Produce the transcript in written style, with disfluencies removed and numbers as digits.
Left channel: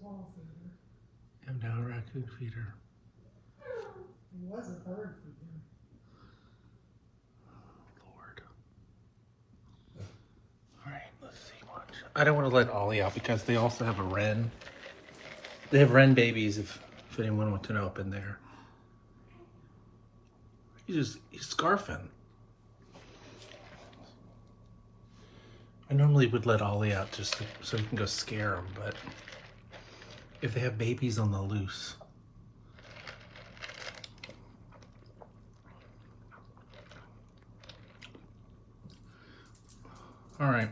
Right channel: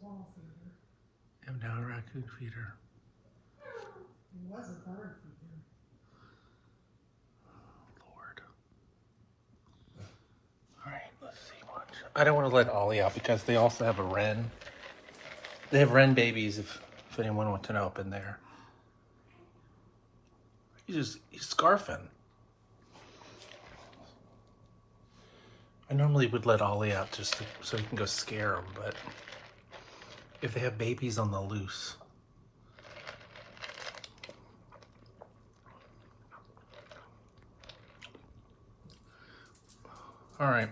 Small feeder. I'm down a raccoon feeder. He was a bird feeder. Lord. Alright, let's see what. I don't want to let Ollie out because they also have a wren. They have wren babies if anyone wants to know up in there. He's scarfing. I normally would let Ollie out just so he can go scare them, but if they have babies on the loose. All right.